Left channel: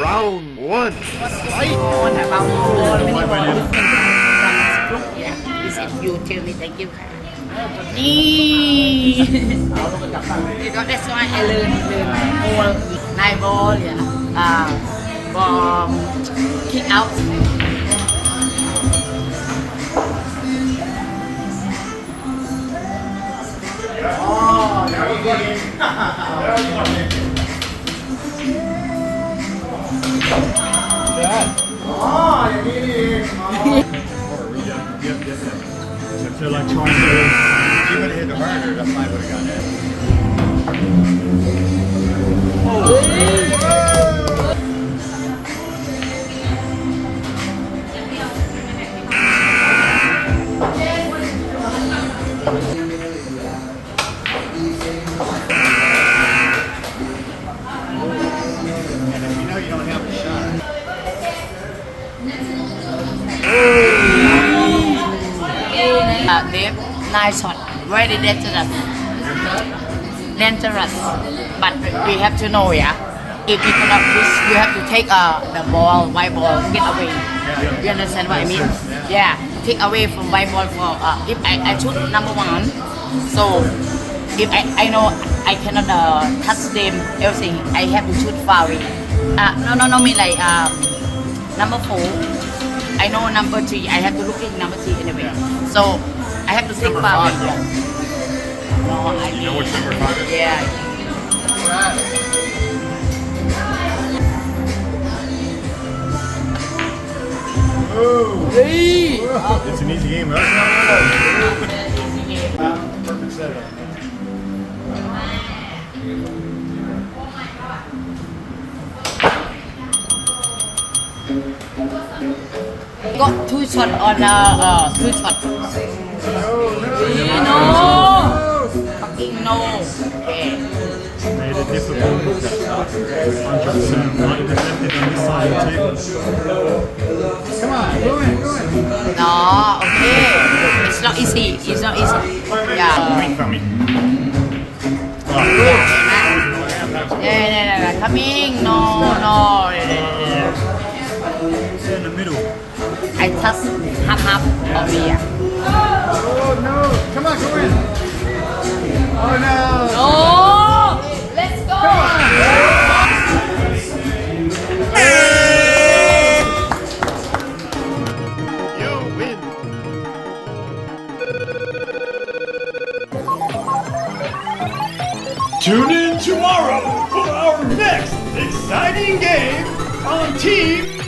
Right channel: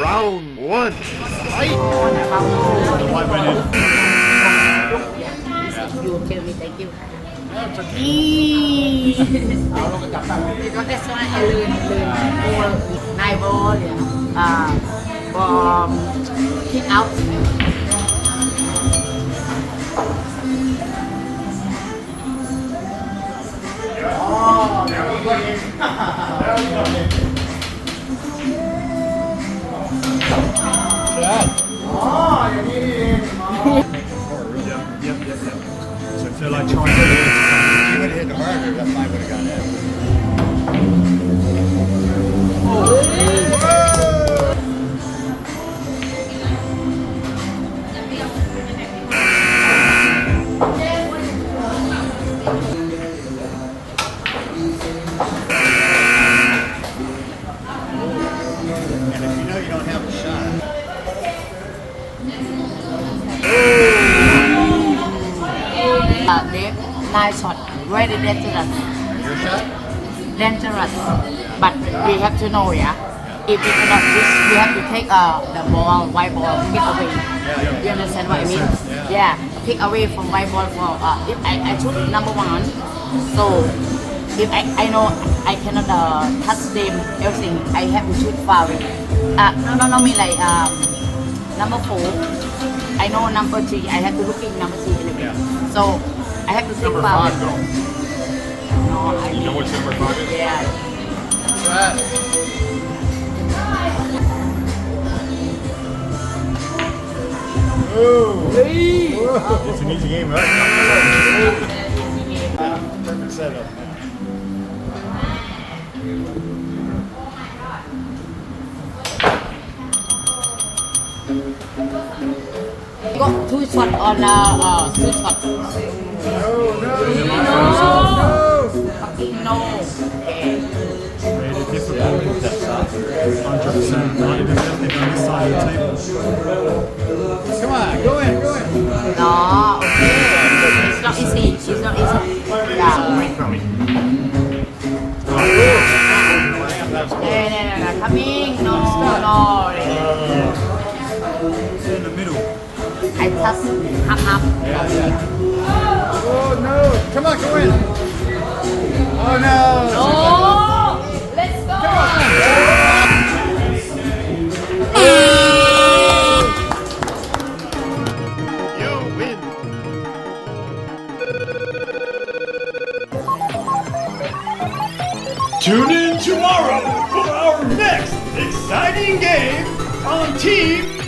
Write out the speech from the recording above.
Round one. Fight. White my name. He said you tell me thank you ค่ะนี่that's why I learn all 9 ball yeah from kick out Yep. So I feel like trying to learn something. You would have hit the marker. That's why I would have gotten it. And if you know you don't have a shot. Name 9 shot very dangerous but we have to know yeah if we cannot push we have to take the ball white ball get away you understand what I mean yeah take away from white ball for if I shoot number 1 so if I know I cannot touch them everything I have to shoot far away no mean like number 4 I know number 3 I have to look at number 3 anyway so I have to take far away You know which number 5 is? yeah It's an easy game, right? Perfect setup. got 2 shots on 2 shots Made it difficult. 100%. Not even left it on this side of the table. Come on, go in. no okay it's not easy yeah Coming from me. coming no It's in the middle. I touch half over here Oh no! Come on, go in. Oh no! oh let's go You win. Tune in tomorrow for our next exciting game on Team